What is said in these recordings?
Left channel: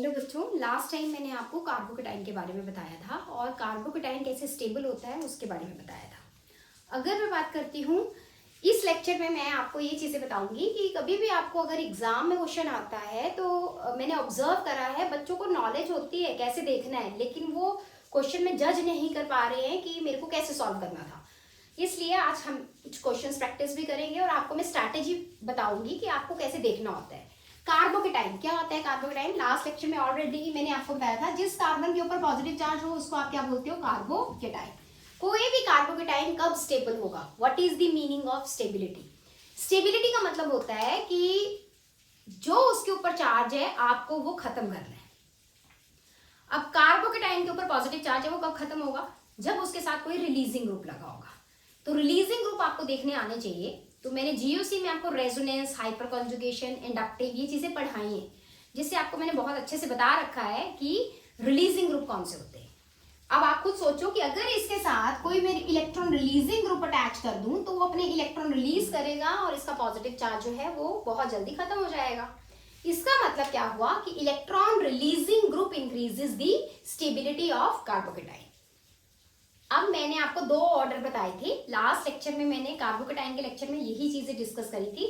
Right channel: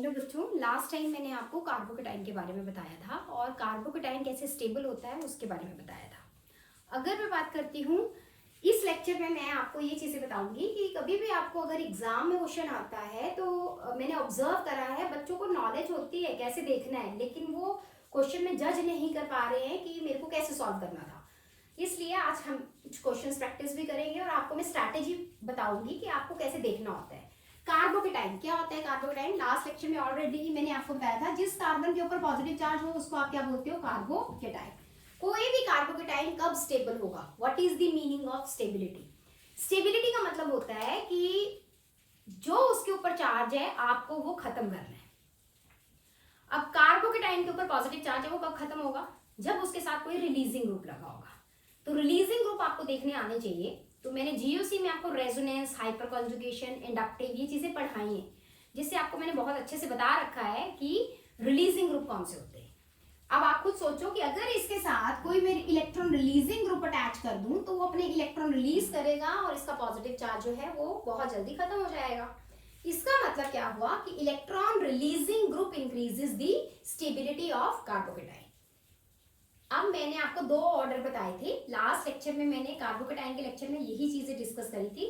Hello बच्चों, last time मैंने आपको कार्बोकेटाइन के बारे में बताया था और कार्बोकेटाइन कैसे स्टेबल होता है उसके बारे में बताया था। अगर मैं बात करती हूँ इस लेक्चर में, मैं आपको ये चीज़ें बताऊंगी कि कभी भी आपको अगर एग्जाम में क्वेश्चन आता है तो मैंने ऑब्जर्व करा है बच्चों को नॉलेज होती है कैसे देखना है, लेकिन वो क्वेश्चन में जज नहीं कर पा रहे हैं कि मेरे को कैसे सॉल्व करना था। इसलिए आज हम कुछ क्वेश्चंस प्रैक्टिस भी करेंगे और आपको मैं स्ट्रैटेजी बताऊंगी कि आपको कैसे देखना होता है। कार्बोकेटाइन क्या होता है? कार्बोकेटाइन लास्ट लेक्चर में ऑलरेडी मैंने आपको बताया था, जिस कार्बन के ऊपर पॉजिटिव चार्ज हो उसको आप क्या बोलते हो? कार्बोकेटाइन। कोई भी कार्बोकेटाइन कब स्टेबल होगा? What is the meaning of stability? Stability का मतलब होता है कि जो उसके ऊपर चार्ज है आपको वो खत्म करना है। अब कार्बोकेटाइन के ऊपर पॉजिटिव चार्ज है, वो कब खत्म होगा? जब उसके साथ कोई रिलीजिंग ग्रुप लगा होगा। तो रिलीजिंग ग्रुप आपको देखने आने चाहिए। तो मैंने जीओसी में आपको रेजोनेंस, हाइपर कॉन्जुगेशन, इंडक्टिव ये चीजें पढ़ाई हैं, जिससे आपको मैंने बहुत अच्छे से बता रखा है कि रिलीजिंग ग्रुप कौन से होते हैं। अब आप खुद सोचो कि अगर इसके साथ कोई मैं इलेक्ट्रॉन रिलीजिंग ग्रुप अटैच कर दूं तो वो अपने इलेक्ट्रॉन रिलीज करेगा और इसका पॉजिटिव चार्ज जो है वो बहुत जल्दी खत्म हो जाएगा। इसका मतलब क्या हुआ कि electron releasing group increases the stability of carbocation. अब मैंने आपको दो ऑर्डर बताए थे लास्ट लेक्चर में, मैंने कार्बोकेटाइन के लेक्चर में यही चीजें डिस्कस करी थी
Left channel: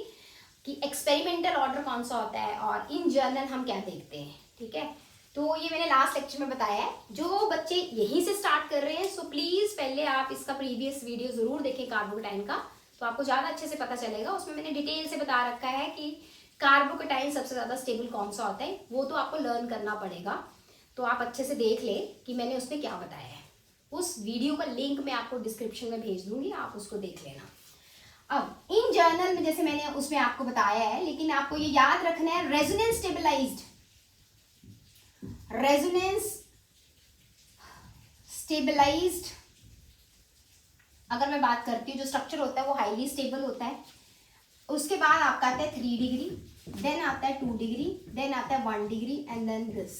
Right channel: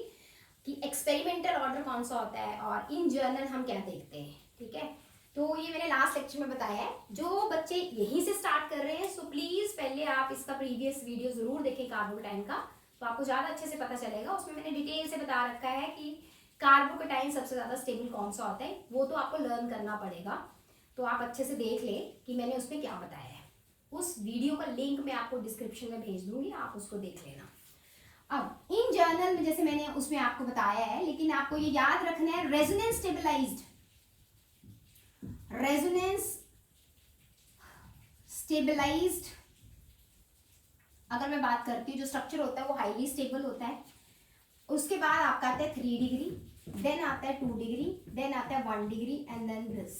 कि एक्सपेरिमेंटल ऑर्डर कौन सा होता है और इन जर्नल हम क्या देखते हैं। ठीक है, तो ये मैंने लास्ट लेक्चर में बताया है। जो बच्चे यहीं से स्टार्ट कर रहे हैं सो प्लीज पहले आप इसका प्रीवियस वीडियो जरूर देखें कार्बोकेटाइन का, तो आपको ज्यादा अच्छे से पता चलेगा। उसमें मैंने डिटेल से बता रखा है कि कार्बोकेटाइन सबसे ज्यादा स्टेबल कौन सा होता है, वो तो आपको लर्न करना पड़ेगा। तो आप अच्छे से देख ले कि मैंने उसमें क्या बताया है। उस वीडियो का लिंक मैं आपको डिस्क्रिप्शन में भेज दूंगी, आप उसको देख लेना। अब इन जर्नल में जैसे मैंने उसमें आपको बताया है, लेकिन आपको ये याद रखना है रेजोनेंस स्टेबलाइज्ड, रेजोनेंस स्टेबलाइज्ड अगर मैं बात करती हूँ जो स्ट्रक्चर होता है वो हाईली स्टेबल होता है। उसके बाद आपका आता है 3 डिग्री, देन आता है 2 डिग्री, देन आता है 1 degree and then this.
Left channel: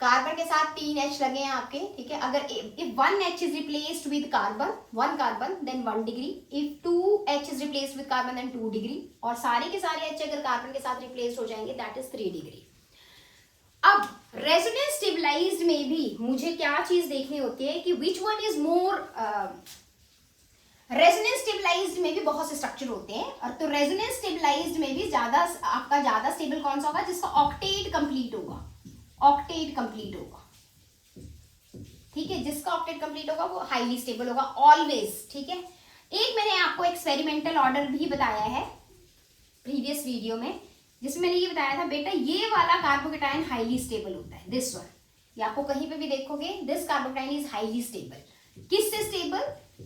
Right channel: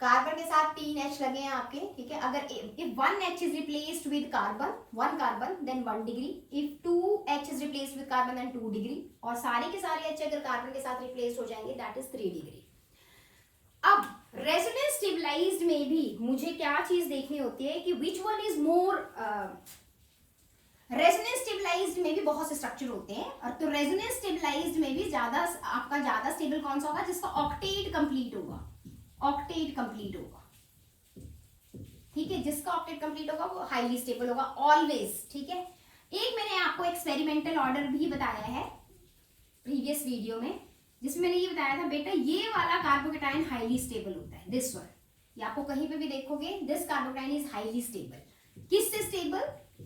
Carbon के साथ 3 H लगे हैं आपके, ठीक है। अगर if 1 H is replaced with carbon, 1 carbon, then 1 degree. If 2 H is replaced with carbon, then 2 degree. और सारे के सारे H अगर कार्बन के साथ रिप्लेस हो जाएंगे, that is 3 degree. अब रेजोनेंस स्टेबलाइज्ड में भी मुझे क्या चीज देखनी होती है कि which one is more. Resonance stabilized में भी बहुत से स्ट्रक्चर होते हैं, और तो रेजोनेंस स्टेबलाइज्ड में भी आपका ज्यादा स्टेबल कौन सा होगा? जिसका ऑक्टेट कंप्लीट होगा, ऑक्टेट कंप्लीट होगा, ठीक है। जिसका ऑक्टेट कंप्लीट होगा वो हाईली स्टेबल होगा ऑलवेज, ठीक है। एक मैंने आपको एक्सपेरिमेंटल ऑर्डर भी बताया है प्रीवियस वीडियो में, जिसमें मैंने ये बताया था बेटा ये वाला कार्बोकेटाइन हाईली स्टेबल होता है, दिस वन। ये आपको कहीं पे भी देखोगे, this carbocation is highly stable. किससे स्टेबल?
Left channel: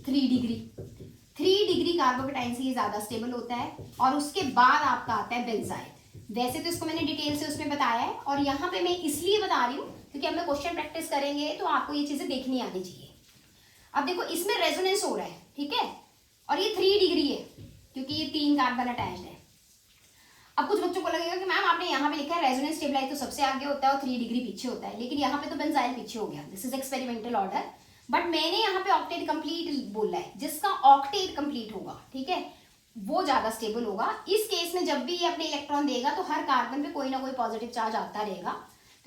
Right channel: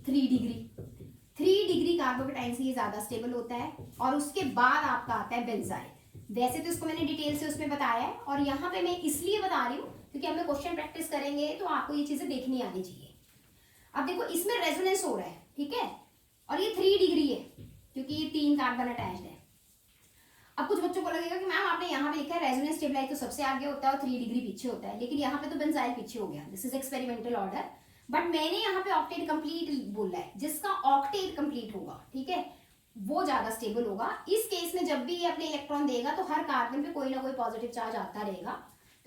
3 डिग्री। 3 डिग्री कार्बोकेटाइन से ये ज्यादा स्टेबल होता है। और उसके बाद आपका आता है बेंजाइल। वैसे तो इसको मैंने डिटेल से उसमें बताया है, और यहाँ पे मैं इसलिए बता रही हूँ क्योंकि हम लोग क्वेश्चन प्रैक्टिस करेंगे तो आपको ये चीजें देखनी आनी चाहिए। अब देखो इसमें रेजोनेंस हो रहा है, ठीक है, और ये 3 डिग्री है क्योंकि ये 3 कार्बन अटैच्ड है। अब कुछ बच्चों को लगेगा कि मैम आपने यहाँ पे लिखा है रेजोनेंस स्टेबलाइज तो सबसे आगे होता है और 3 डिग्री पीछे होता है, लेकिन यहाँ पे तो बेंजाइल पीछे हो गया। This is experimental order, but मैंने यहाँ पे ऑक्टेट कंप्लीट बोला है। जिसका ऑक्टेट कंप्लीट होगा, ठीक है, वो ज्यादा स्टेबल होगा। इस केस में जब भी ये अपने इलेक्ट्रॉन देगा तो हर कार्बन पे कोई ना कोई पॉजिटिव चार्ज आता रहेगा,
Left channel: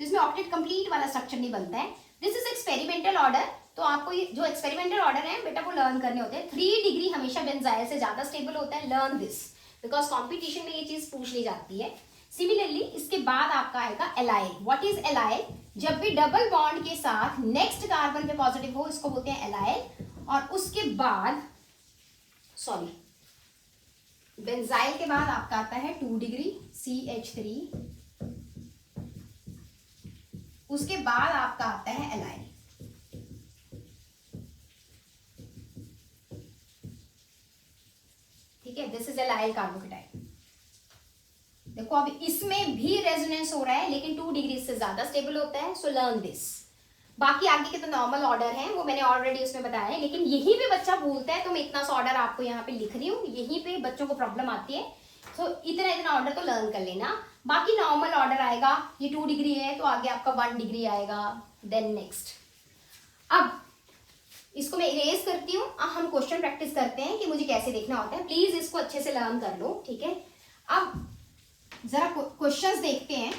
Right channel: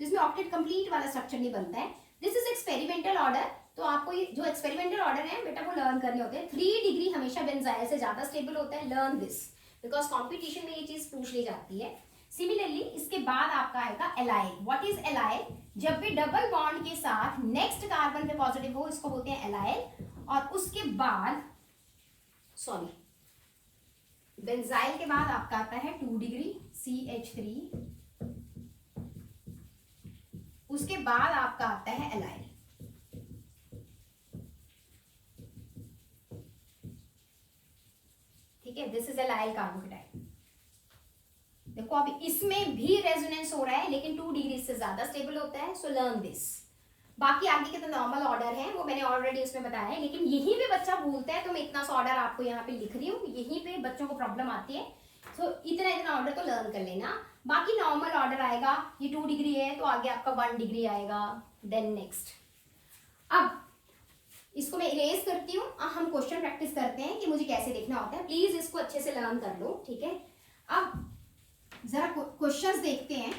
तो इसमें ऑक्टेट कंप्लीट वाला स्ट्रक्चर नहीं बनता है। दिस इज एक्सपेरिमेंटल ऑर्डर, तो आपको ये जो एक्सपेरिमेंटल ऑर्डर है बेटा वो लर्न करने होते हैं। 3 डिग्री हमेशा बेंजाइल से ज्यादा स्टेबल होता है, लर्न दिस, बिकॉज कॉम्पिटिशन में ये चीज पूछ ली जाती है। सिमिलरली इसके बाद आपका आएगा एलाइल। What is allyl? जब भी डबल बॉन्ड के साथ नेक्स्ट कार्बन पे पॉजिटिव हो इसको बोलते हैं एलाइल। और उसके बाद सॉरी बेंजाइल के बाद आपका आता है 2 डिग्री CH3। उसके बाद आपका आता है एलाइल, ठीक है। This is allyl carbocation. देखो अब इसमें भी रेजोनेंस हो रहा है, लेकिन 2 डिग्री से ज्यादा स्टेबल होता है, सो लर्न दिस। बाकी आगे के तो नॉर्मल ऑर्डर है, वो मैंने ऑलरेडी उसमें बताया है, लेकिन यहीं पे बच्चा भूलता है तो मैं इतना सा ऑर्डर आपको यहाँ पे लिख रही हूँ, यहीं पे बच्चों को प्रॉब्लम आती है। तो इतना इतना ऑर्डर तो लर्न कर लेना। बाकी नॉर्मल ऑर्डर आएगा, ये 2 डिग्री है तो आगे आपका 1 डिग्री आएगा, देन नेक्स्ट। अब इसको मैं इरेज करती हूँ, हम क्वेश्चन प्रैक्टिस करते हैं कि मुझे कैसे देखना होता है। प्लीज इसको अच्छे से लर्न कर लो, ठीक है। अब जरा क्वेश्चंस देखते हैं।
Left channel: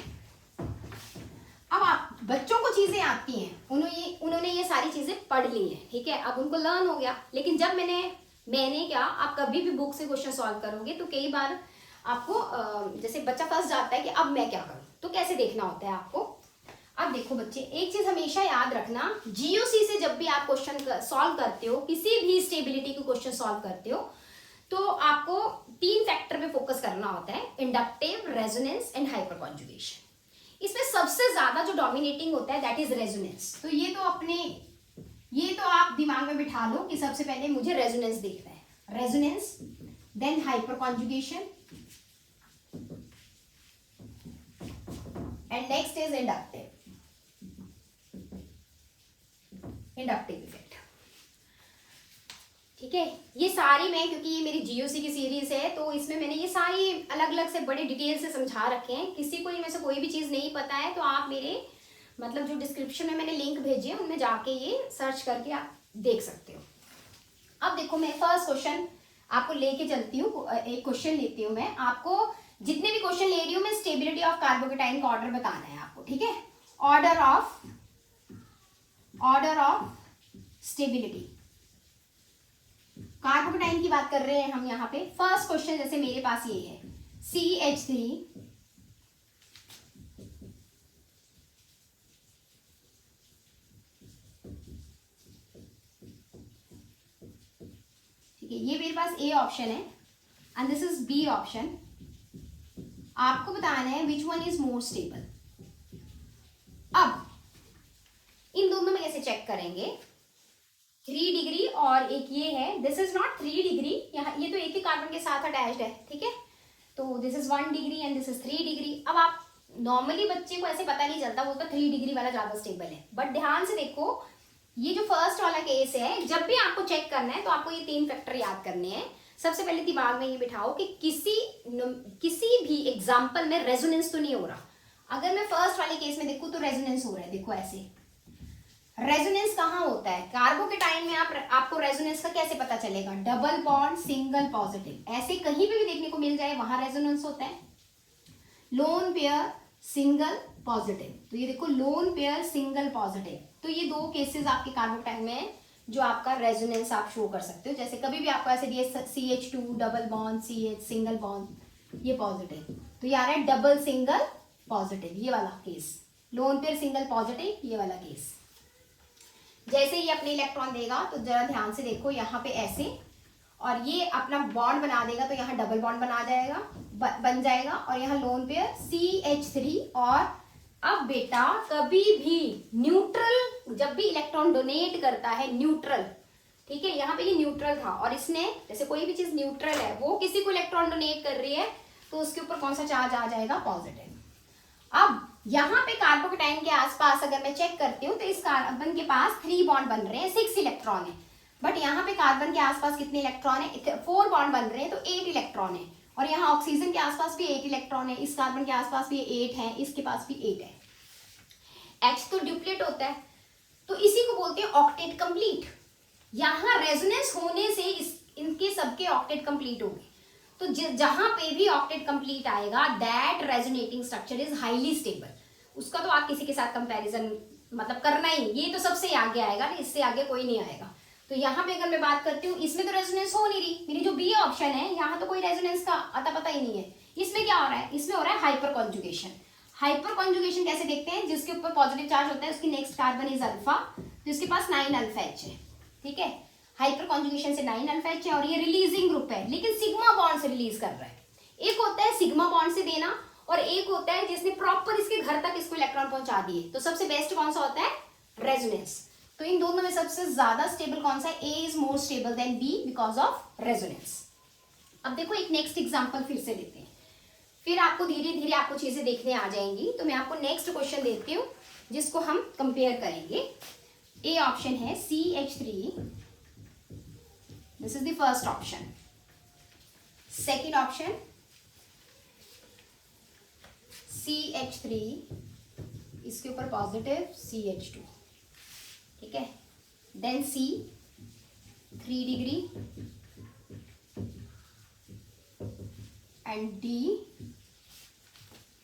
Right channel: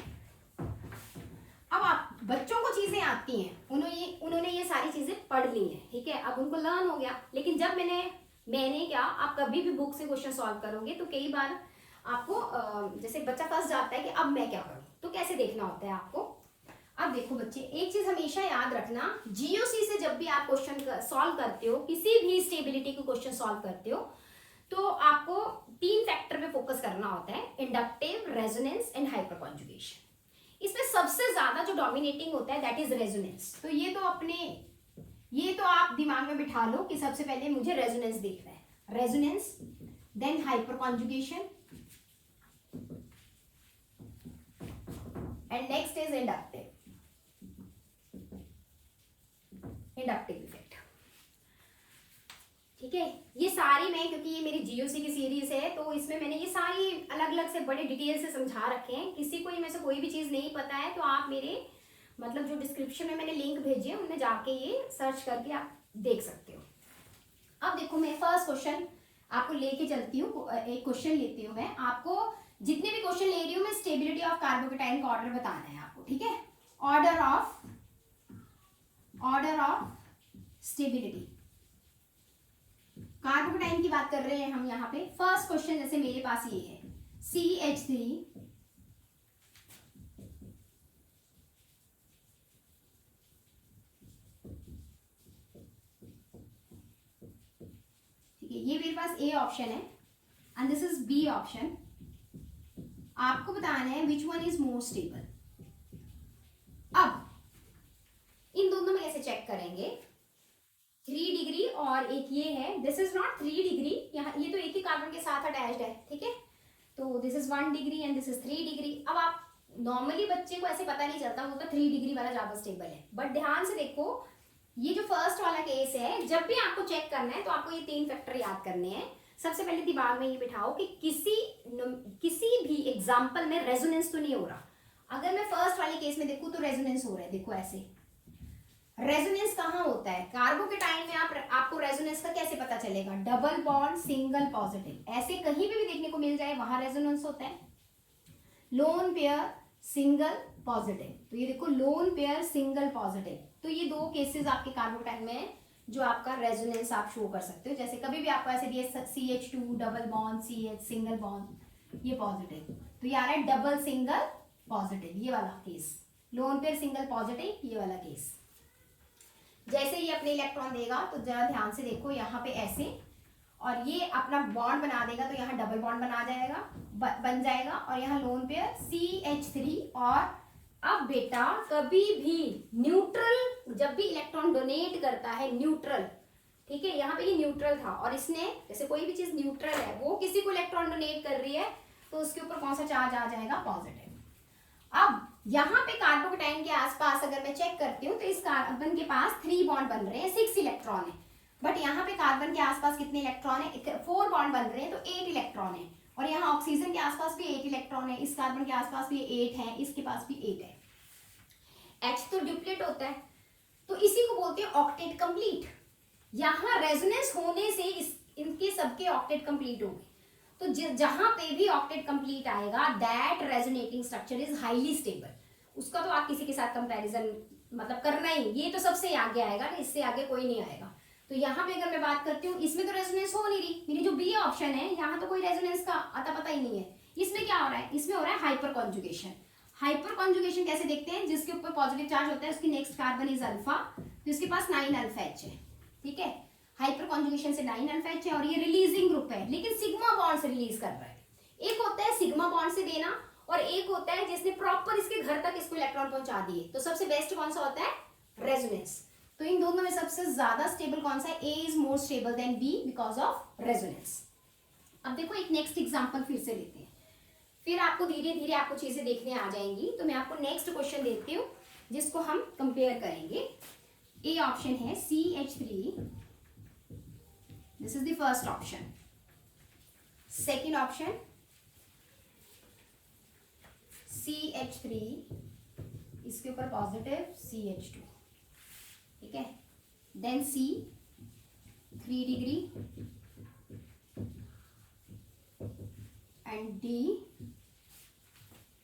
अब आप बच्चों को चीजें आती हैं, उन्होंने ये सारी चीजें पढ़ ली हैं, ठीक है, अब उनको लर्न हो गया। लेकिन जब मैंने क्या, आप कभी भी बुक से क्वेश्चन सॉल्व करोगे तो कई बार आपको जैसे बच्चा फंस जाता है कि अब मैं क्या करूं, तो कैसे देखना होता है आपको। अब देखो बच्चे, एक चीज हमेशा याद रखना, जीओसी से जब भी आप क्वेश्चन सॉल्व करते हो, किसी भी स्टेबिलिटी को क्वेश्चन सॉल्व करते हो, तो आपको 3 फैक्टर पे फोकस करना होता है, inductive, resonance and hyper conjugation. इसमें सबसे ज्यादा जो डोमिनेटिंग होता है दैट इज रेजोनेंस। तो ये तो आप दिमाग में बिठा लो कि सबसे पहले मुझे रेजोनेंस देखना है, resonance, then hyperconjugation, and next is inductive effect. ठीक है, ये सारी मैं, क्योंकि ये मेरी जीओसी की सीरीज है तो इसमें मैंने ये सारी अलग अलग से बड़े डिटेल से समझा रखे हैं। किसी को इनमें से कोई भी चीज नहीं पता है तो आप मेरे मतलब जो डिस्क्रिप्शन में मैंने लिंक भेजे हैं उनमें जाके ये सर्च करके आप देख सकते हो। अब देखो, मैं फर्स्ट क्वेश्चन आपको लेके चलती हूँ, एक क्वेश्चन लेती हूँ मैं। आपको जितने भी क्वेश्चन ले रही हूँ मैं, स्टेबिलिटी ऑफ कार्बोकेटाइन का ऑर्डर बताना है आपको, ठीक है, ऑर्डर ऑफ स्टेबिलिटी। कार्बोकेटाइन की बात कर रहे हैं हम यहाँ पे। फर्स्ट क्वेश्चन जैसे मेरे पास ये है, CH3 ठीक है, ये मेरे पास ए ऑप्शन है and this is B option. आपको बताना है which one is more stable. अब इन दोनों में कैसे चेक करेंगे, 3 डिग्री और एक ये है, दिस इज नॉट 3 डिग्री, यहाँ ये तो एक ही कार्बन के साथ अटैच्ड है, ठीक है, तो this is 1 degree and this is 3 degree. अब आप नॉर्मली बच्चे को ऐसे पता नहीं चलता, वो तो 3 डिग्री वाला ज्यादा स्टेबल है, बट ध्यान से देखो, ये जो फर्स्ट वाला केस है, जब भी आपको चेक करना है तो आपको ये 3 फैक्टर याद करने हैं। सबसे पहले दिमाग में ये बिठाओ कि किसी भी एग्जाम्पल में रेजोनेंस तो नहीं हो रहा। अगर मैं फर्स्ट वाले केस में देखूं तो रेजोनेंस हो रहा है, देखो ऐसे। रेजोनेंस कहाँ होता है कार्बोकेटाइन में, आपको रेजोनेंस का कैसे पता चलेगा, डबल बॉन्ड सिंगल पॉजिटिव, ऐसे कहीं पे भी देखने को मिल जाए वहां रेजोनेंस होता है। लोन पेयर सिंगल पॉजिटिव, तो ये देखो लोन पेयर सिंगल पॉजिटिव, तो ये 2 केसेस आपके कार्बोकेटाइन में जो आपका रेजोनेंस आप शो कर सकते हो। जैसे कभी भी आपको ऐसे दिए CH2 double bond CH single bond, ये पॉजिटिव, तो ये आ रहा है डबल सिंगल पॉजिटिव, ये वाला case, lone pair single positive, ये वाला केस। जैसे ये अपने इलेक्ट्रॉन देगा तो जरा ध्यान से देखो, यहाँ पे ऐसे, और ये अपना बॉन्ड बना देगा तो यहाँ डबल बॉन्ड बन जाएगा और यहाँ लोन पेयर CH3। और अब बेटा कभी भी न्यूट्रल, जब भी इलेक्ट्रॉन डोनेट करता है न्यूट्रल, ठीक है, यहाँ पे ये न्यूट्रल था और इसने, जैसे कोई भी चीज न्यूट्रल है, वो किसी को इलेक्ट्रॉन डोनेट कर रही है तो उसके ऊपर कौन सा चार्ज आ जाएगा, पॉजिटिव। अब यहाँ पे कार्बोकेटाइन के आसपास अगर मैं चेक करती हूँ तो इस कार्बन के पास 3 बॉन्ड बन रहे हैं, 6 इलेक्ट्रॉन है, बट यहाँ पे कार्बन के आसपास कितने इलेक्ट्रॉन है, 4 बॉन्ड बन रहे हैं तो 8 इलेक्ट्रॉन है। और यहाँ ऑक्सीजन के आसपास भी 8 इलेक्ट्रॉन है, इस कार्बन के आसपास भी 8 है, इसके पास भी 8 है। H तो ड्यूप्लेट होता है, तो इसी को बोलते हैं ऑक्टेट कंप्लीट। यहाँ रेजोनेंस होने से इनके सबके ऑक्टेट कंप्लीट होंगे, तो जहां पे भी ऑक्टेट कंप्लीट आएगा that resonating structure is highly stable. उसका तो आप किसी के साथ कंपैरिजन मतलब करना ही, ये तो सबसे आगे आएगा, इससे आगे कोई नहीं आएगा। तो यहाँ पे अगर मैं बात करती हूँ, इसमें तो रेजोनेंस हो नहीं रही, मेरी जो बी ऑप्शन है यहाँ तो कोई रेजोनेंस का अता पता ही नहीं है। इसमें क्या हो रहा है, इसमें हो रहा है हाइपर कॉन्जुगेशन। हाइपर कॉन्जुगेशन कैसे देखते हैं, जिसके ऊपर पॉजिटिव चार्ज होता है उसकी नेक्स्ट कार्बन इज अल्फा, तो इसके पास 9 अल्फा एच है, ठीक है, हाइपर कॉन्जुगेशन से 9 अल्फा एच है और ये रिलीजिंग ग्रुप है, लेकिन सिग्मा बॉन्ड से रिलीज कर रहा है। एक होता है सिग्मा बॉन्ड से देना और एक होता है जिसने प्रॉपर इसके घर तक इसको इलेक्ट्रॉन पहुंचा दिए। तो सबसे बेस्ट कौन सा होता है, रेजोनेंस। तो इन दोनों में सबसे ज्यादा स्टेबल कौन सा है, A is more stable than B because of resonance. अब देखो एक नेक्स्ट एग्जांपल फिर से लेते हैं, फिर आपको धीरे धीरे आपको चीजें देखने आ जाएंगी। तो मैं आपको नेक्स्ट क्वेश्चन देती हूँ जिसको हम कंपेयर करेंगे। ए ऑप्शन है CH3, this is the first option. Second option CH3, इसके ऊपर पॉजिटिव CH2, ठीक है, then C 3 degree and D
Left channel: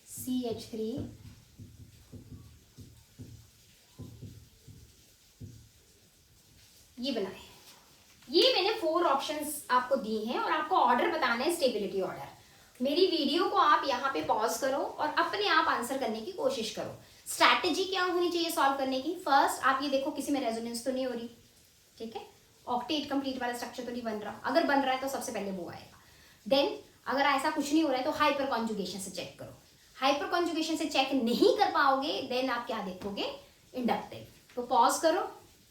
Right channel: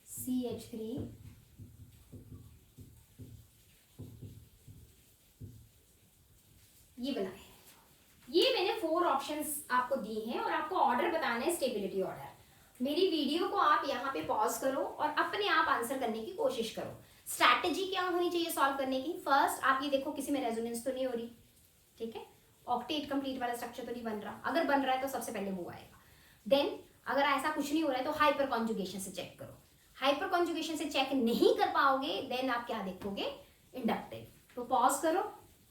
CH3 ये बनाए। ये मैंने 4 ऑप्शंस आपको दिए हैं और आपको ऑर्डर बताना है स्टेबिलिटी ऑर्डर। मेरी वीडियो को आप यहाँ पे पॉज करो और अपने आप आंसर करने की कोशिश करो। स्ट्रैटेजी क्या होनी चाहिए सॉल्व करने की? फर्स्ट आप ये देखो किसी में रेजोनेंस तो नहीं हो रही, ठीक है, ऑक्टेट कंप्लीट वाला स्ट्रक्चर तो नहीं बन रहा। अगर बन रहा है तो सबसे पहले वो आएगा। देन अगर ऐसा कुछ नहीं हो रहा है तो हाइपर कॉन्जुगेशन से चेक करो। हाइपर कॉन्जुगेशन से चेक नहीं कर पाओगे देन आप क्या देखोगे? इंडक्टिव। तो पॉज करो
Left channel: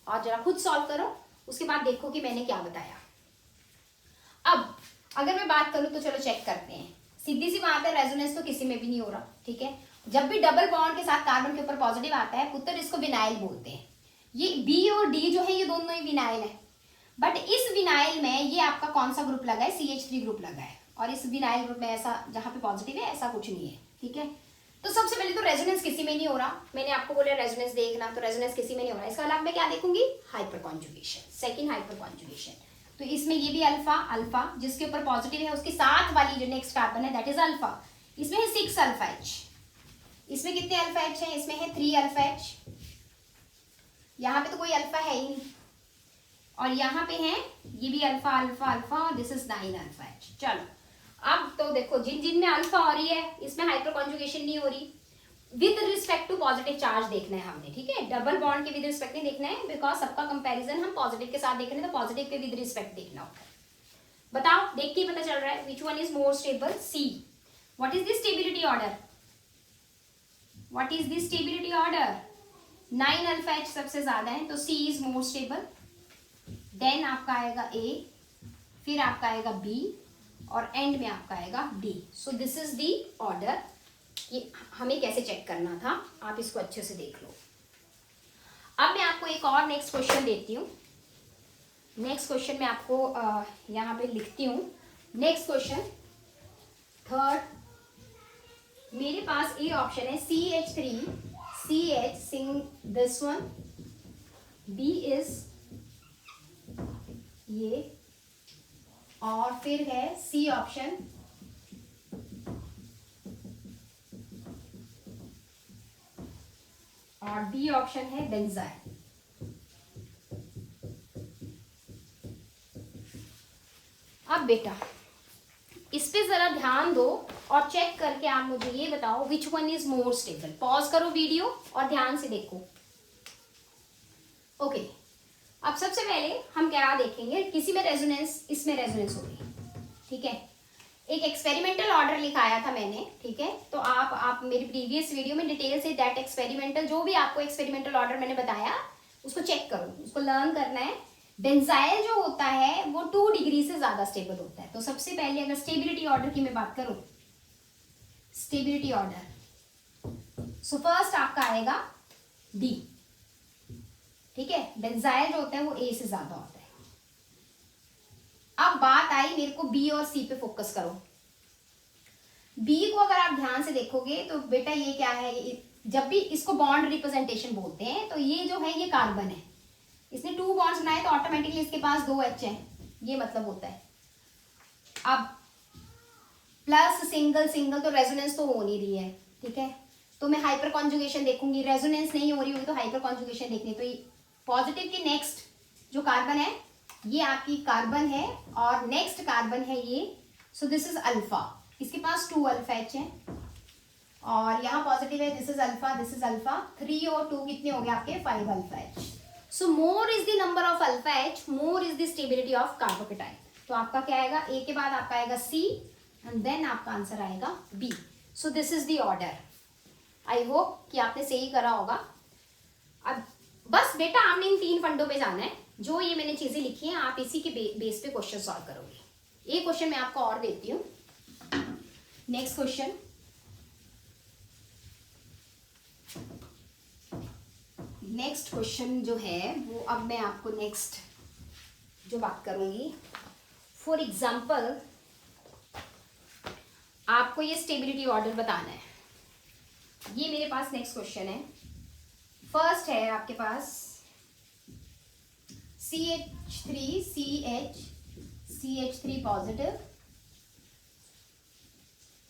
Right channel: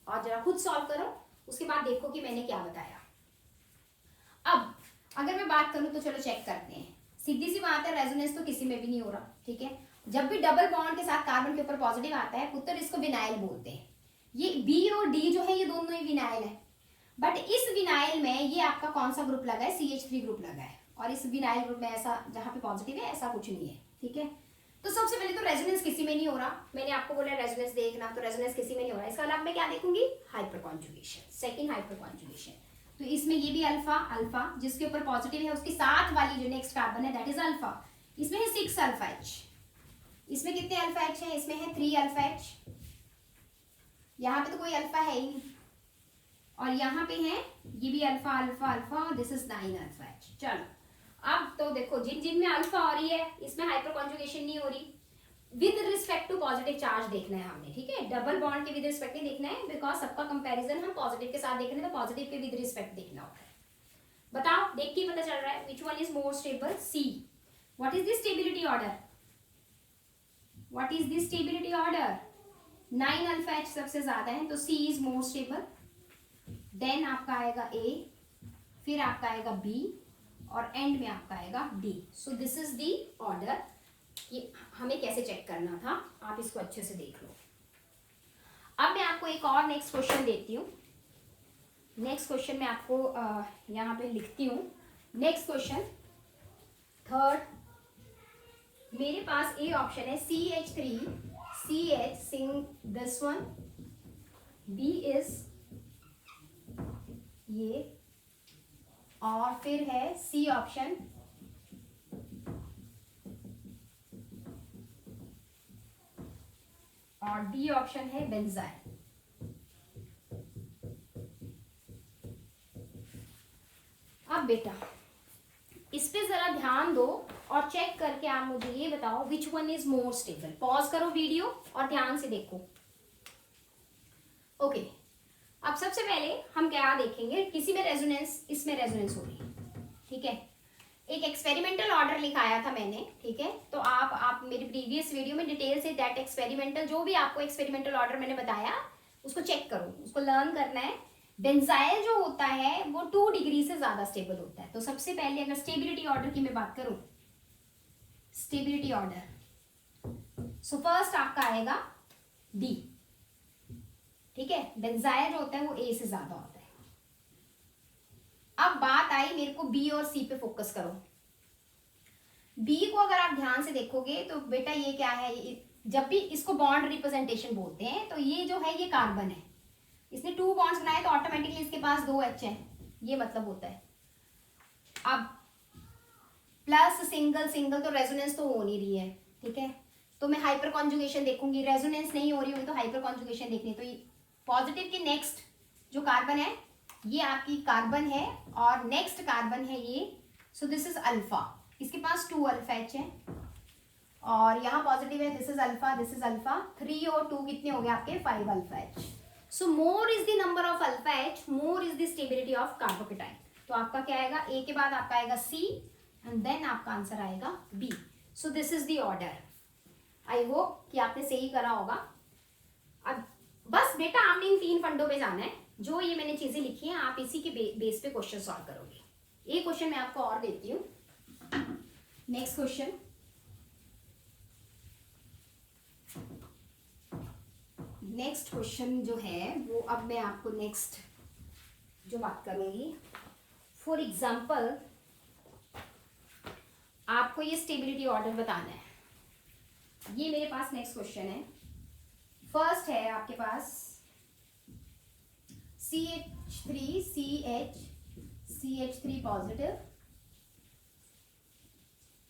और जरा खुद सॉल्व करो, उसके बाद देखो कि मैंने क्या बताया। अब अगर मैं बात करूं तो चलो चेक करते हैं। सीधी सी बात है, रेजोनेंस तो किसी में भी नहीं हो रहा, ठीक है। जब भी डबल बॉन्ड के साथ कार्बन के ऊपर पॉजिटिव आता है पुत्र, इसको विनाइल बोलते हैं। ये बी और डी जो है ये दोनों ही विनाइल है, बट इस विनाइल में ये आपका कौन सा ग्रुप लगा है? CH3 ग्रुप लगा है। और इस विनाइल ग्रुप में ऐसा जहां पे पॉजिटिव है ऐसा कुछ नहीं है, ठीक है। तो सबसे पहले तो रेजोनेंस किसी में नहीं हो रहा। मैंने आपको बोला रेजोनेंस देखना, तो रेजोनेंस किसी में नहीं हो रहा। इसके अलावा मैं क्या देखूंगी? Hyper conjugation, second hyper conjugation. तो इसमें ये भी अल्फा अल्फा जिसके ऊपर पॉजिटिव है उसके साथ वाली जो नेक्स्ट कार्बन है दैट इज अल्फा। इसमें है 6 अल्फा एच। इसमें कितने अल्फा एच है? इसमें है 3 अल्फा एच। यहाँ पे तो कोई अल्फा है ही नहीं। और यहाँ पे है ये भी alpha alpha alpha, this is 9 alpha H. चलो अब तो देखो जिन जिन में अल्फा हो रही है इसमें हाइपर कॉन्जुगेशन नहीं हो रही। With respect to positive charge देखना है हमने, ठीक है। डबल बॉन्ड के विद रिस्पेक्ट नहीं देखना है, बिकॉज सबका कंपैरिजन हम पॉजिटिव के साथ देख रहे हैं, तो पॉजिटिव के विद रिस्पेक्ट देखना होगा। बताओ, देख के पता चल रहा है which one is more stable? C. What is the stability order? What is the stability order? 9 alpha H सबसे ज्यादा है तो C is more stable. Then आपका आएगा ए, फिर आपका आएगा बी और एंड में आपका आएगा D. So this is the order. ये हमें कैसे चेक करना था आप इसको अच्छे से देख लो। अब मैं आपको एक और नेक्स्ट क्वेश्चन देती हूँ। नेक्स्ट क्वेश्चन मैं आपको यहाँ पे लिखती हूँ। नेक्स्ट क्वेश्चन थर्ड, मेरे पास ए ऑप्शन है CH3 CH सिंग दिस वन, बी इज ये, और फिर है सी ऑप्शन और डी ऑप्शन है बेंजाइल। अब बेटा इस पे जरा ध्यान दो और चेक करके आप मुझे ये बताओ विच one is more stable. Pause करो वीडियो और ध्यान से देखो। ओके, अब सबसे पहले हम क्या देखेंगे, किसी में रेजोनेंस, इसमें रेजोनेंस हो रही है, ठीक है। एक एक्सपेरिमेंटल ऑर्डर लिखाया था मैंने, ठीक है। तो आप मेरी प्रीवियस वीडियो में डिटेल से दैट एक्सपेरिमेंटल, जो भी आपको एक्सपेरिमेंटल ऑर्डर मैंने बताया उसको चेक करो, उसको लर्न करना है। बेंजाइल जो होता है वो 2 डिग्री से ज्यादा स्टेबल होता है। तो सबसे पहले अगर स्टेबिलिटी ऑर्डर की मैं बात करूं, स्टेबिलिटी ऑर्डर, सो फर्स्ट आपका आएगा डी, ठीक है। बेंजाइल जो होता है वो ए से ज्यादा होता है। अब बात आई मेरे को बी और सी पे फोकस करो। बी को अगर आप ध्यान से देखोगे तो बेटा ये क्या है, जब भी इसको बॉन्ड रिप्रेजेंटेशन बोलते हैं तो ये जो है ये कार्बन है, इसने 2 बॉन्ड्स बनाए तो ऑटोमेटिकली इसके पास 2 एच है, ये मतलब होता है। अब प्लस सिंगल सिंगल तो रेजोनेंस तो हो नहीं रही है, ठीक है। तो मैं हाइपर कॉन्जुगेशन देखूंगी, रेजोनेंस नहीं हो रही होगी तो हाइपर कॉन्जुगेशन देखनी। तो पॉजिटिव के नेक्स्ट जो कार्बन है ये आपकी कार्बन है और नेक्स्ट कार्बन है ये, सो दिस इज अल्फा। इसके पास 2 अल्फा एच है और यहाँ पॉजिटिव है, this is alpha, this is alpha. 3 और 2 कितने हो गए आपके? 5 alpha H. So more is the number of alpha H, more is the stability of carbocation. तो आपका क्या आएगा? ए के बाद आपका आएगा सी एंड देन आपका आंसर आएगा B. So this is the order. I hope कि आपने सही करा होगा। अब बस बेटा आपने इन 3 फंडों पे जाना है, जो ये मैंने चीजें लिखी हैं आप इसी के बेस पे क्वेश्चन सॉल्व करोगे। एक क्वेश्चन मैं आपको और देती हूँ। नेक्स्ट क्वेश्चन, नेक्स्ट क्वेश्चन जो है वो अब मैं आपको नेक्स्ट जो बात करूंगी, फॉर एग्जाम्पल आपको ये स्टेबिलिटी ऑर्डर बताना है। ये मेरे पास नेक्स्ट क्वेश्चन है। फर्स्ट है आपके पास CH3 CH3 positive,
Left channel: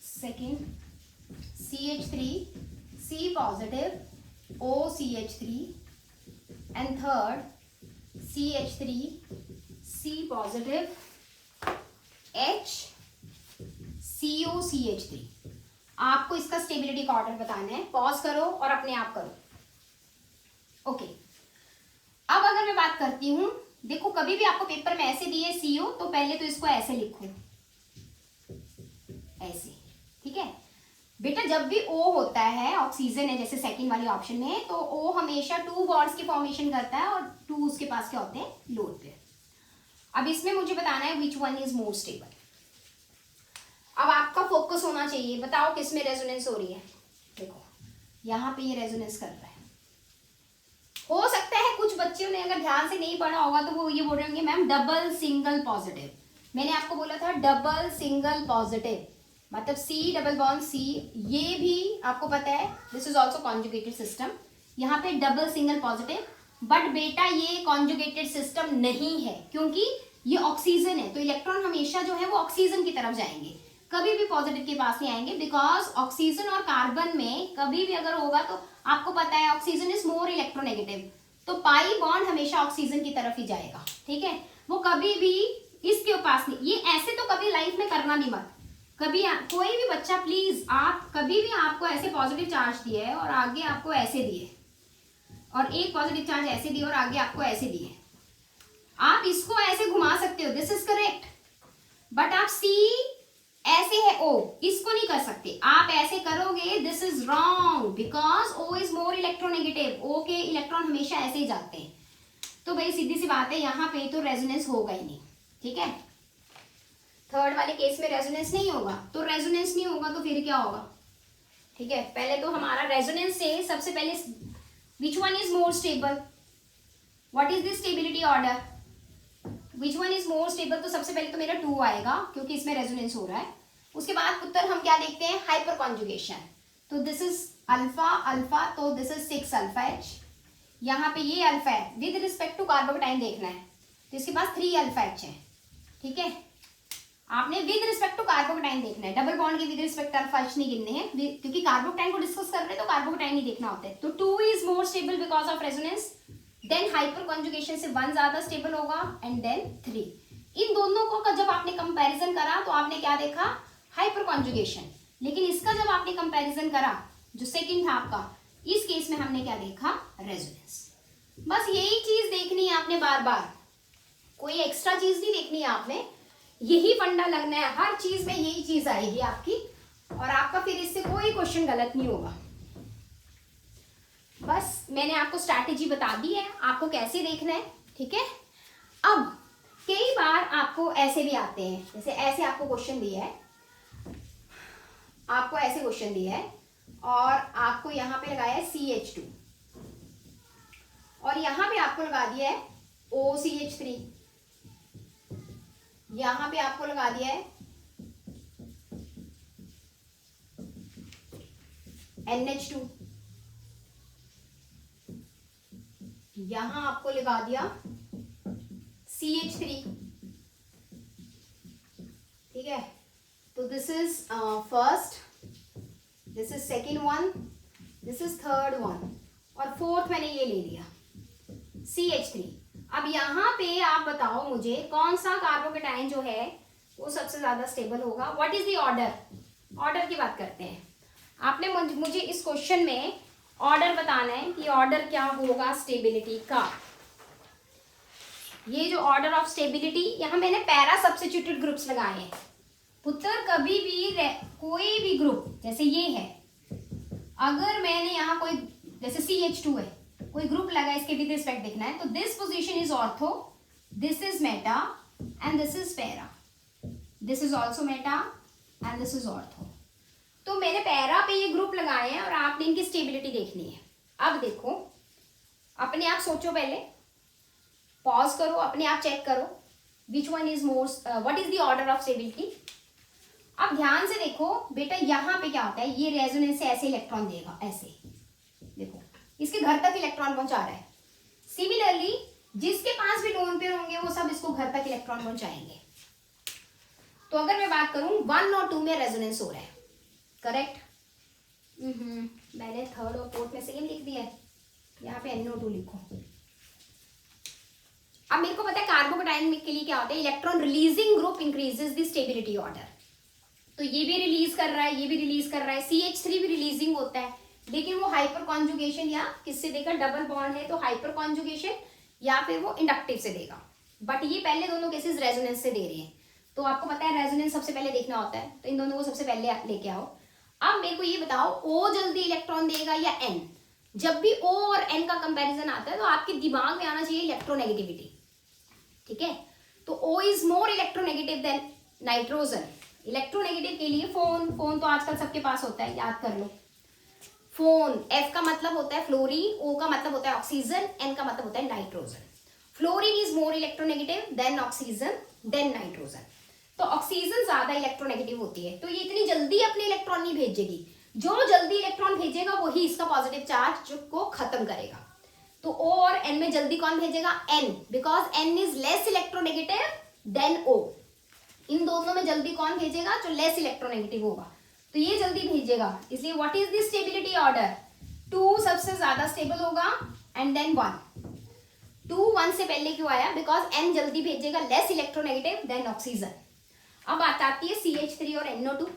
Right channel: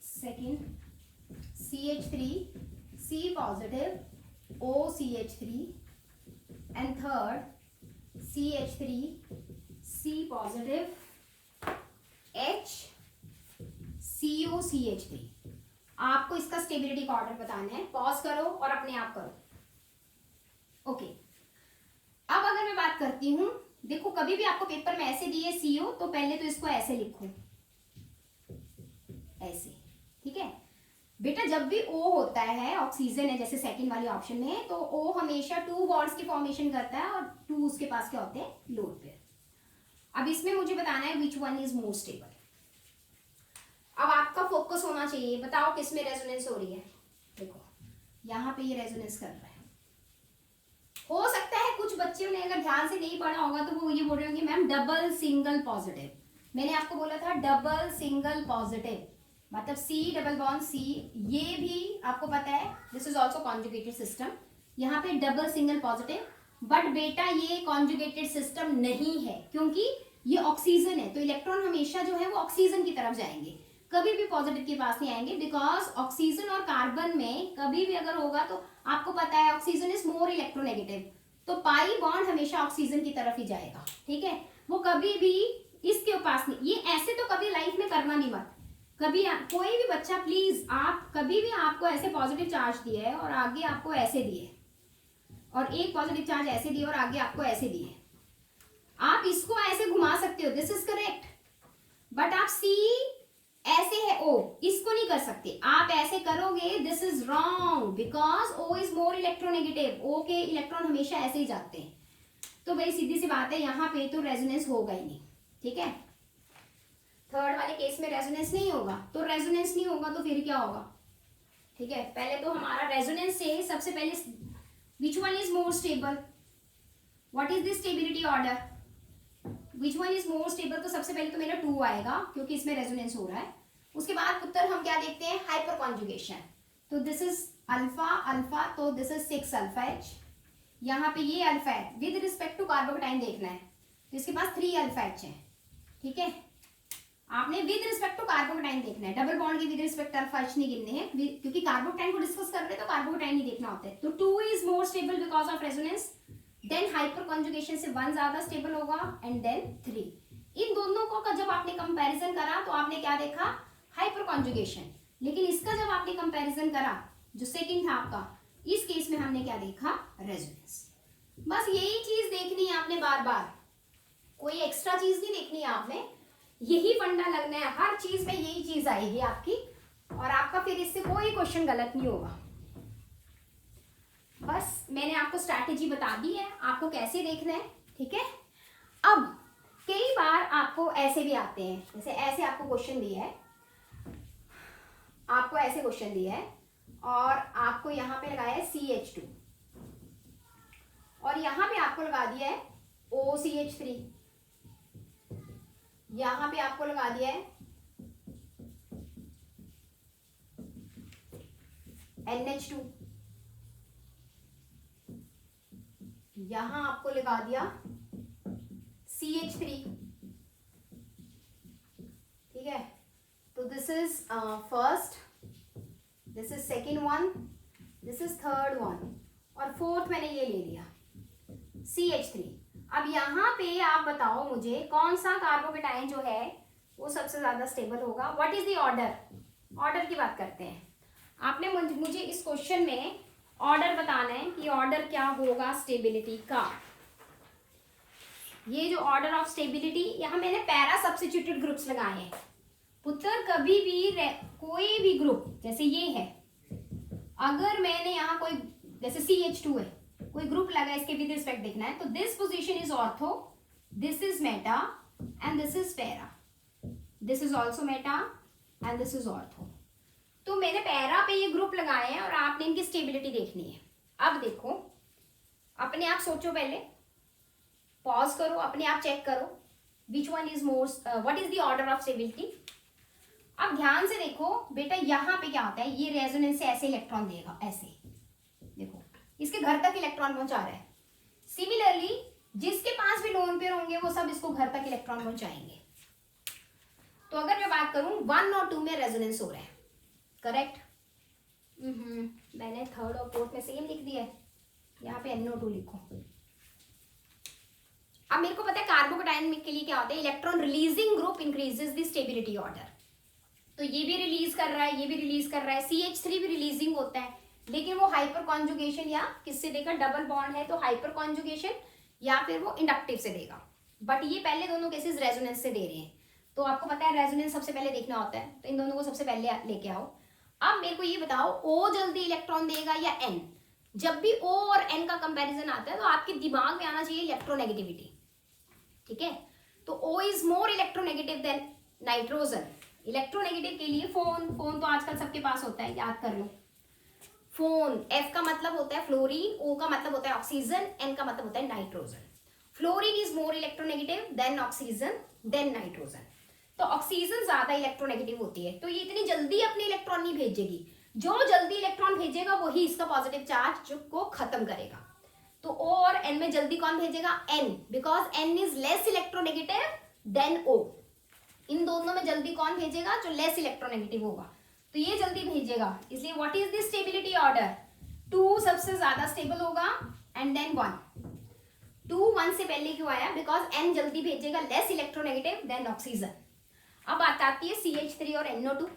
second CH3 C positive OCH3 and third CH3 C positive H CO CH3। आपको इसका स्टेबिलिटी का ऑर्डर बताना है। पॉज करो और अपने आप करो। ओके, अब अगर मैं बात करती हूं, देखो कभी भी आपको पेपर में ऐसे दिए CO, तो पहले तो इसको ऐसे लिखो, ऐसे, ठीक है बेटा। जब भी O होता है, ऑक्सीजन है जैसे सेकंड वाले ऑप्शन में, तो O हमेशा 2 बॉन्ड्स की फॉर्मेशन करता है और 2 उसके पास क्या होते हैं, लोड पे। अब इसमें मुझे बताना है which one is more stable. अब आपका फोकस होना चाहिए, बताओ किस में रेजोनेंस हो रही है। देखो यहाँ पे ये रेजोनेंस कर रहा है। हो सकता है कुछ बच्चों ने अगर ध्यान से नहीं पढ़ा होगा तो वो ये बोल रहे होंगे मैम डबल सिंगल पॉजिटिव। मैंने आपको बोला था डबल सिंगल पॉजिटिव मतलब C डबल बॉन्ड C, ये भी आपको पता है this is also conjugated system. यहाँ पे डबल सिंगल पॉजिटिव, बट बेटा ये कॉन्जुगेटेड सिस्टम नहीं है क्योंकि ये ऑक्सीजन है, तो इलेक्ट्रॉन हमेशा जो है वो ऑक्सीजन की तरफ जाएंगे, कभी भी पॉजिटिव के पास नहीं आएंगे। बिकॉज ऑक्सीजन और कार्बन में कभी भी अगर होगा तो आपको पता है ऑक्सीजन इज मोर इलेक्ट्रोनेगेटिव, तो पाई बॉन्ड हमेशा ऑक्सीजन की तरफ ही जाएगा, ठीक है। वो कभी भी इसके पास नहीं, ये ऐसे तो कभी लाइफ में करना नहीं मत कभी। कोई भी बच्चा प्लीज, आप कभी भी आपको ऐसे पॉजिटिव चार्ज दिए है और आगे आपको ऐसे दिए, और एक पॉजिटिव चार्ज ऐसे दिए और आगे आपको ऐसे दिए, आप इसको ऐसे घुमा सकते हो, दिस इज करेक्ट। बट आप C ऐसे है O, इसको नहीं कर सकते। आप ऐसे करोगे, this is wrong because O is more electronegative. O के इलेक्ट्रॉन हमेशा ऐसे ही जाते हैं। तो भाई सीधी सी बात है, यहाँ पे तो रेजोनेंस होगा ही नहीं, ठीक है। थर्ड वाले केस में रेजोनेंस नहीं होगा, तो रेजोनेंस नहीं होगा तो फिर क्या होगा, ठीक है। पहले तो हमारा रेजोनेंस से सबसे पहले विच one is more stable, what is the stability order, which one is more stable, तो सबसे पहले तो मेरा 2 आएगा क्योंकि इसमें रेजोनेंस हो रहा है। उसके बाद उत्तर हम क्या देखते हैं, हाइपर कॉन्जुगेशन, तो दिस इज अल्फा अल्फा, तो दिस इज 6 अल्फा H। यहाँ पे ये अल्फा है, विद रिस्पेक्ट टू कार्बोकेटाइन देखना है, तो इसके पास 3 अल्फा H है, ठीक है। आपने विद रिस्पेक्ट टू कार्बोकेटाइन देखना है, डबल बॉन्ड के विद रिस्पेक्ट अल्फा H नहीं गिनने हैं क्योंकि कार्बोकेटाइन को डिस्कस कर रहे हैं तो कार्बोकेटाइन ही देखना होता है। तो 2 is more stable because of resonance, then hyperconjugation से 1 ज्यादा स्टेबल होगा, एंड देन 3। इन दोनों को जब आपने कंपैरिजन करा तो आपने क्या देखा, हाइपर कॉन्जुगेशन। लेकिन इसका जब आपने कंपैरिजन करा जो सेकंड था आपका, इस केस में हमने क्या देखा, रेजोनेंस। बस यही चीज देखनी है आपने बार बार, कोई एक्स्ट्रा चीज नहीं देखनी है आपने, यही फंडा लगना है, हर चीज में यही चीज आएगी आपकी, और आपका फिर इससे कोई क्वेश्चन गलत नहीं होगा। बस मैंने आपको स्ट्रैटेजी बता दी है, आपको कैसे देखना है, ठीक है। अब कई बार आपको ऐसे भी आते हैं, जैसे ऐसे आपको क्वेश्चन दिया है, आपको ऐसे क्वेश्चन दिया है और आपको यहाँ पे लगाया है CH2 और यहाँ पे आपको लगा दिया है OCH3, यहाँ पे आपको लगा दिया है NH2, यहां आपको लगा दिया CH3, ठीक है। तो this is first, this is second one, this is third one, और फोर्थ मैंने ये ले लिया CH3। अब यहाँ पे आप बताओ मुझे कौन सा कार्बोकेटाइन जो है वो सबसे ज्यादा स्टेबल होगा, what is the order. Order की बात करते हैं, आपने मुझे इस क्वेश्चन में ऑर्डर बताना है कि ऑर्डर क्या होगा स्टेबिलिटी का। ये जो ऑर्डर ऑफ स्टेबिलिटी, यहाँ मैंने पैरा सब्स्टिट्यूटेड ग्रुप्स लगाए हैं पुत्र। कभी भी कोई भी ग्रुप जैसे ये है, अगर मैंने यहाँ कोई जैसे CH2 है, कोई ग्रुप लगा, इसके विद रिस्पेक्ट देखना है, तो this position is ortho, this is Meta and this is para, this is also Meta and this is ortho. तो मैंने पैरा पे ये ग्रुप लगाए हैं और आपने इनकी स्टेबिलिटी देखनी है। अब देखो, अपने आप सोचो, पहले पॉज करो, अपने आप चेक करो विच one is more, what is the order of stability. अब ध्यान से देखो बेटा, यहाँ पे क्या होता है, ये रेजोनेंस से ऐसे इलेक्ट्रॉन देगा, ऐसे देखो इसके घर तक इलेक्ट्रॉन पहुंचा रहा है। सिमिलरली जिसके पास भी लोन पेयर होंगे वो सब इसको घर तक इलेक्ट्रॉन पहुंचाएंगे। तो अगर मैं बात करूं 1 और 2 में रेजोनेंस हो रहा है, करेक्ट। मैंने थर्ड और फोर्थ में सेम लिख दिया है, यहाँ पे NO2 लिखो, अब मेरे को पता है कार्बोकेटाइन के लिए क्या होता है, electron releasing group increases the stability order. तो ये भी रिलीज कर रहा है, ये भी रिलीज कर रहा है, CH3 भी रिलीजिंग होता है, लेकिन वो हाइपर कॉन्जुगेशन या किससे देगा, डबल बॉन्ड है तो हाइपर कॉन्जुगेशन या फिर वो इंडक्टिव से देगा। बट ये पहले दोनों केसेस रेजोनेंस से दे रहे हैं, तो आपको पता है रेजोनेंस सबसे पहले देखना होता है, तो इन दोनों को सबसे पहले लेके आओ। अब मेरे को ये बताओ O जल्दी इलेक्ट्रॉन देगा या N? जब भी O और N का कंपैरिजन आता है तो आपके दिमाग में आना चाहिए इलेक्ट्रोनेगेटिविटी, ठीक है। तो O is more electronegative then nitrogen. Electronegative के लिए फोन तो आजकल सबके पास होता है, याद कर लो। फोन, F का मतलब होता है फ्लोरीन, O का मतलब होता है ऑक्सीजन, N का मतलब होता है nitrogen. Fluorine is more electronegative than oxygen than nitrogen. तो ऑक्सीजन ज्यादा इलेक्ट्रोनेगेटिव होती है, तो ये इतनी जल्दी अपने इलेक्ट्रॉन नहीं भेजेगी। जो जल्दी इलेक्ट्रॉन भेजेगा वही इसका पॉजिटिव चार्ज को खत्म करेगा। तो O और N में जल्दी कौन भेजेगा, N, because N is less electronegative than O। इन दोनों में जल्दी कौन भेजेगा, जो लेस इलेक्ट्रोनेगेटिव होगा, तो ये जल्दी भेजेगा। इसलिए what is the stability order, 2 सबसे ज्यादा स्टेबल होगा एंड देन 1। 2 1 से पहले क्यों आया, बिकॉज N जल्दी भेजेगा, लेस इलेक्ट्रोनेगेटिव देन ऑक्सीजन। अब बात आती है CH3 और NO2।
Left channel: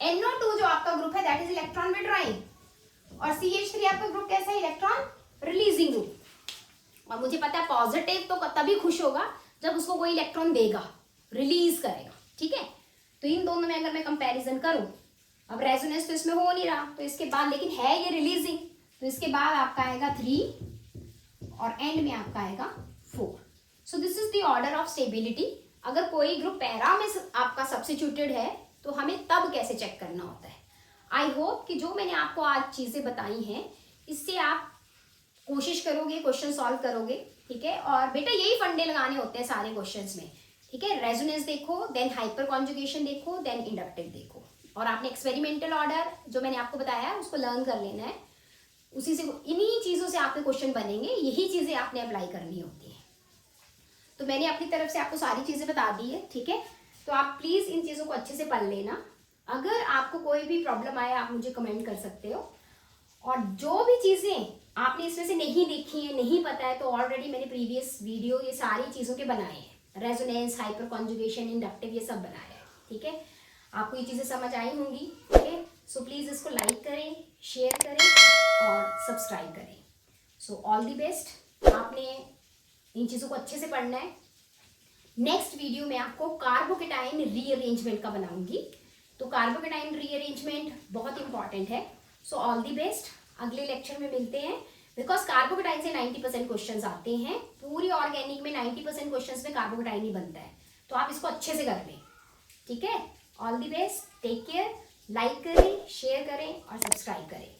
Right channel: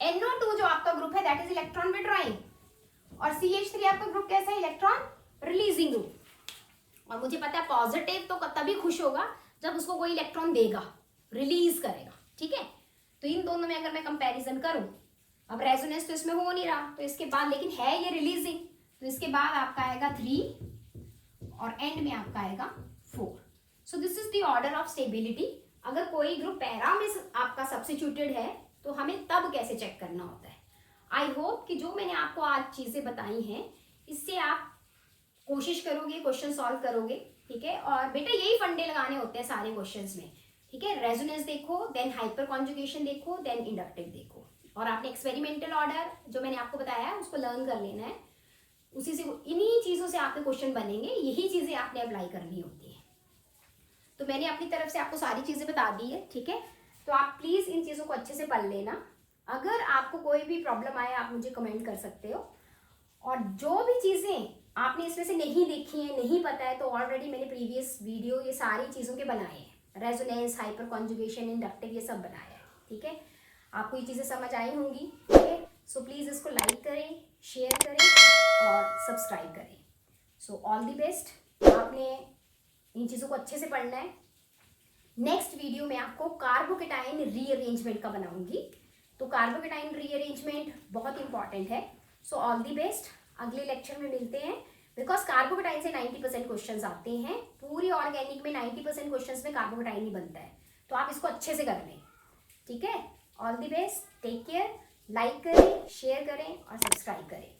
NO2 जो आपका ग्रुप है दैट इज इलेक्ट्रॉन विड्रॉइंग, और CH3 आपका ग्रुप कैसा है, इलेक्ट्रॉन रिलीजिंग ग्रुप। और मुझे पता है पॉजिटिव तो तभी खुश होगा जब उसको कोई इलेक्ट्रॉन देगा, रिलीज करेगा, ठीक है। तो इन दोनों में अगर मैं कंपैरिजन करूं, अब रेजोनेंस तो इसमें हो नहीं रहा, तो इसके बाद लेकिन है ये रिलीजिंग, तो इसके बाद आपका आएगा 3 और एंड में आपका आएगा 4। सो this is the order of stability. अगर कोई ग्रुप पैरा में आपका सब्स्टिट्यूटेड है तो हमें तब कैसे चेक करना होता है। आई होप कि जो मैंने आपको आज चीजें बताई हैं इससे आप कोशिश करोगे, क्वेश्चन सॉल्व करोगे, ठीक है। और बेटा यही फंडे लगाने होते हैं सारे क्वेश्चंस में, ठीक है। रेजोनेंस देखो, देन हाइपर कॉन्जुगेशन देखो, देन इंडक्टिव देखो, और आपने एक्सपेरिमेंटल ऑर्डर जो मैंने आपको बताया है उसको लर्न कर लेना है। उसी से, इन्हीं चीजों से आपके क्वेश्चन बनेंगे, यही चीजें आपने अप्लाई करनी होती है। तो मैंने अपनी तरफ से आपको सारी चीजें बता दी है, ठीक है। तो आप प्लीज इन चीजों को अच्छे से पढ़ लेना। अगर आपको कोई भी प्रॉब्लम आए आप मुझे कमेंट कर सकते हो, और जो भी चीजें आपने इसमें से नहीं देखी है, नहीं पता है, तो ऑलरेडी मैंने प्रीवियस वीडियो ये सारी चीजों के बनाए हैं, रेजोनेंस, हाइपर कॉन्जुगेशन, इंडक्टिव, ये सब बनाया है, ठीक है। आपको ये चीजें समझ आई होंगी, ठीक है। सो प्लीज इसको लाइक करें, शेयर करें और सब्सक्राइब करें। So all the best. आपने इन चीजों को अच्छे से पढ़ना है। नेक्स्ट वीडियो में आपको कार्बोकेटाइन रीअरेंजमेंट का बनाऊंगी, तो कार्बोकेटाइन रीअरेंजमेंट बहुत इंपॉर्टेंट है। सो ऑल दी बेस्ट, अगले लेक्चर में मिलते हैं। बिकॉज कार्बोकेटाइन से 90% क्वेश्चंस आते हैं, पूरी ऑर्गेनिक में 90% क्वेश्चंस में कार्बोकेटाइन ही बनता है, तो आप इसको अच्छे से कर लें, ठीक है। All the best, take care, like करें, शेयर करें और सब्सक्राइब करें।